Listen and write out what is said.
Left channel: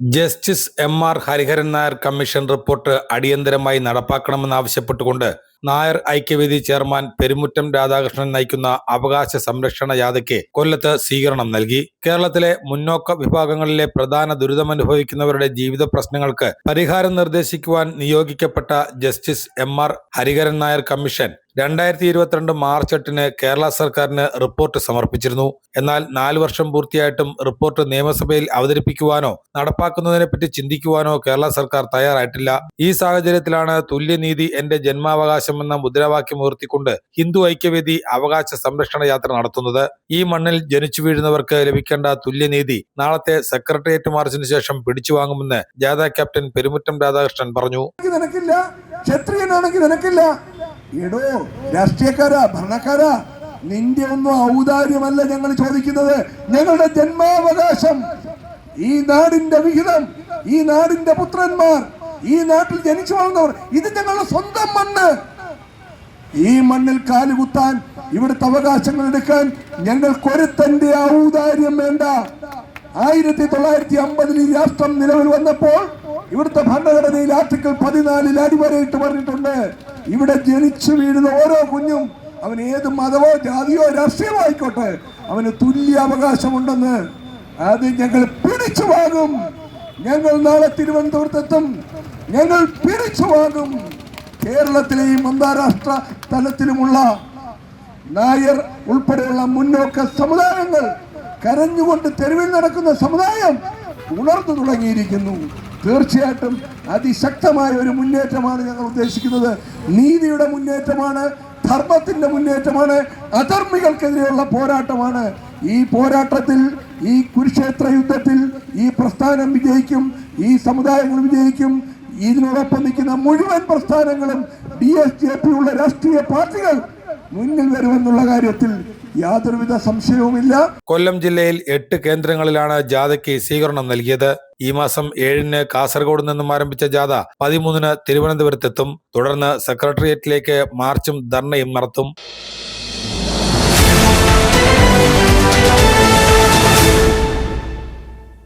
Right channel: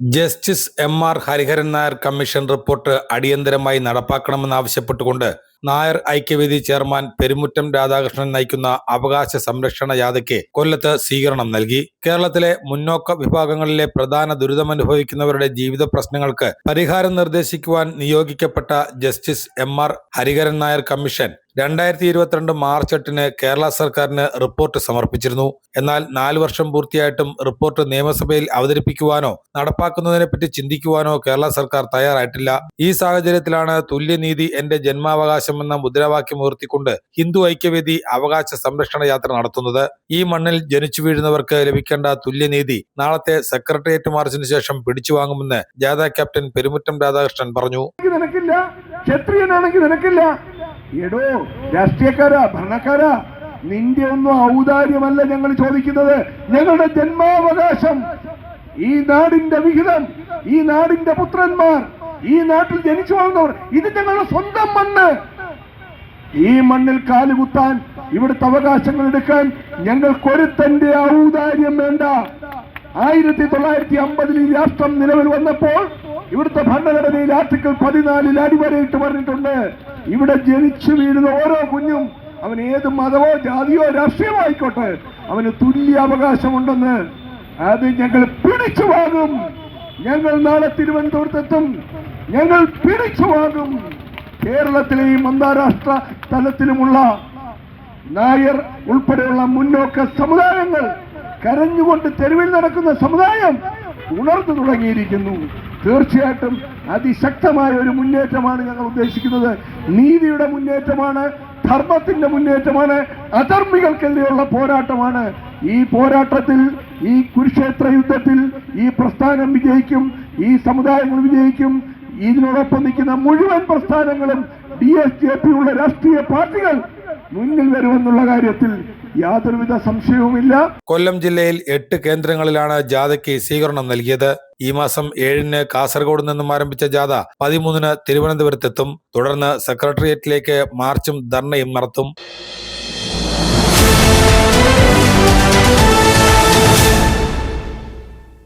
Justice M R. Hariharan Nair commission report അടിയന്തരമായി നടപ്പാക്കണമെന്നാവശ്യപ്പെട്ടുകൊണ്ട് Nair Aikyavedi chairman Perumuttam Radhakrishnan നയിക്കുന്ന അവകാശ സംരക്ഷണ യാത്രയ്ക്ക് കൊല്ലത്ത് സ്വീകരണം നൽകി. കേരളത്തിലെ മുന്നോക്ക വിഭാഗങ്ങളിലെ പ്രധാന ദുരിതമനുഭവിക്കുന്നവരുടെ ജീവിത പ്രശ്നങ്ങൾക്ക് പരിഹാരം നിർദ്ദേശിക്കുവാൻ നിയോഗിക്കപ്പെട്ട justice M R. Hariharan Nair commission 2022 March 8 Kerala സർക്കാരിന് റിപ്പോർട്ട് സമർപ്പിച്ചിരുന്നു. എന്നാൽ 4 വർഷം പൂർത്തിയായിട്ടും റിപ്പോർട്ട് നിയമസഭയിൽ അവതരിപ്പിക്കുവാനോ നടപ്പാക്കുന്നതിനെപ്പറ്റി ചിന്തിക്കുവാനോ കേരള സർക്കാർ തയ്യാറായിട്ടില്ല. ഈ സാഹചര്യത്തിലാണ് തുല്യനീതി എന്റെ ജന്മാവകാശം എന്ന മുദ്രാവാക്യം ഉയർത്തിക്കൊണ്ട് ഹിന്ദു ഐക്യവേദി അവകാശ സംരക്ഷണ യാത്ര നടത്തുന്നത്. ഈ മണ്ണിൽ ജനിച്ചു വീഴുന്നവർക്ക് ലഭിക്കേണ്ട തുല്യനീതി നാളത്തെ സെക്രട്ടേറിയറ്റ് മാർച്ചിന് ശേഷം പിടിച്ചു വാങ്ങുമെന്ന് ജാഥ ക്യാപ്റ്റൻ പെരുമുറ്റം രാധാകൃഷ്ണൻ പറഞ്ഞു. എടോ രാഷ്ട്രീയക്കാരാ, ഭരണക്കാരാ, നിന്റെ ഒന്നും ഔദാര്യമല്ല ഞങ്ങൾ ചോദിക്കുന്നത്. ഞങ്ങളുടെ ജന്മാവകാശം, ഈ നാടിന്റെ വിഹിതം, ഈ നാടിന്റെ പുത്രന്മാർ, ഈ നാട്ടിൽ ജനിച്ചു വളർന്നവർ, ഇത് ഞങ്ങളുടെ സ്വന്തം മണ്ണ്. ഈ മണ്ണിൽ കാലുകുത്താൻ, ഇവിടുത്തെ അവകാശങ്ങൾ എടുക്കാൻ ഞങ്ങൾക്കൊരുത്തന്റെ ഔദാര്യം വേണ്ട. 1950 ഈ രാഷ്ട്രം നിലവിൽ വന്നപ്പോൾ ഇവിടുത്തെ ഭരണഘടനയിൽ ആർട്ടിക്കിൾ 14 അടിവരയിട്ട് പറഞ്ഞിട്ടുണ്ട്, ഇവിടെ ജനിച്ചു വീഴുന്ന ഓരോ കുഞ്ഞും, അവൻ ഏത് മതമോ ജാതിയോ രാഷ്ട്രീയമോ ആയിക്കോട്ടെ, അവന് തുല്യ അവകാശമുണ്ടെന്ന്. അത് ഞങ്ങൾ പിടിച്ചു വാങ്ങും. ഞങ്ങൾ നാളെ തിരുവനന്തപുരത്തെത്തും. ഞങ്ങൾ പിടിച്ചു വാങ്ങും. കേരളത്തിലെയും അന്താരാഷ്ട്ര തലത്തിലുമുള്ള നായർ ഉൾപ്പെടെയുള്ള മുന്നോക്ക സമുദായങ്ങൾ, കരഞ്ഞുകൊണ്ട് തെരുവിൽ നടക്കുന്ന സമുദായം ഉണർന്നു തുടങ്ങിയിരിക്കുന്നു. തീർച്ചയായിട്ടും അതിശക്തമായ ഒരു മുന്നേറ്റമാണ് ഞങ്ങൾ ഉദ്ദേശിക്കുന്നത്. നീതിയുടെ മുന്നേറ്റമാണ്, ധർമ്മത്തിന്റെ മുന്നേറ്റമാണ്, അധർമ്മികൾക്കെതിരെയുള്ള പോരാട്ടമാണ്. ഈ പോരാട്ടത്തിൽ, ഈ കുരുക്ഷേത്ര യുദ്ധത്തിൽ ഈ പ്രസ്ഥാനം വിജയിക്കും, ഈ സമുദായങ്ങൾ വിജയിക്കും. ഇതിനോടൊപ്പം നിൽക്കുന്ന മുഴുവൻ പ്രസ്ഥാനങ്ങളും DSJP ഉള്ള രാഷ്ട്രീയ പാർട്ടികൾ മുന്നിൽ വരുമെന്നുള്ള കാര്യത്തിൽ യാതൊരുവിധ സംശയവുമില്ല. കൊല്ലം ജില്ലയിൽ 8 കേന്ദ്രങ്ങളിലാണ് ജാഥയ്ക്ക് സ്വീകരണം നൽകിയത്. ഈ മാസം 7 കാസർഗോഡ് നിന്നും ആരംഭിച്ച ജാഥ 13 തിരുവനന്തപുരത്തെത്തും. തുടർന്ന് സെക്രട്ടേറിയറ്റിലേക്ക് മാർച്ചും ധർണയും നടത്തും.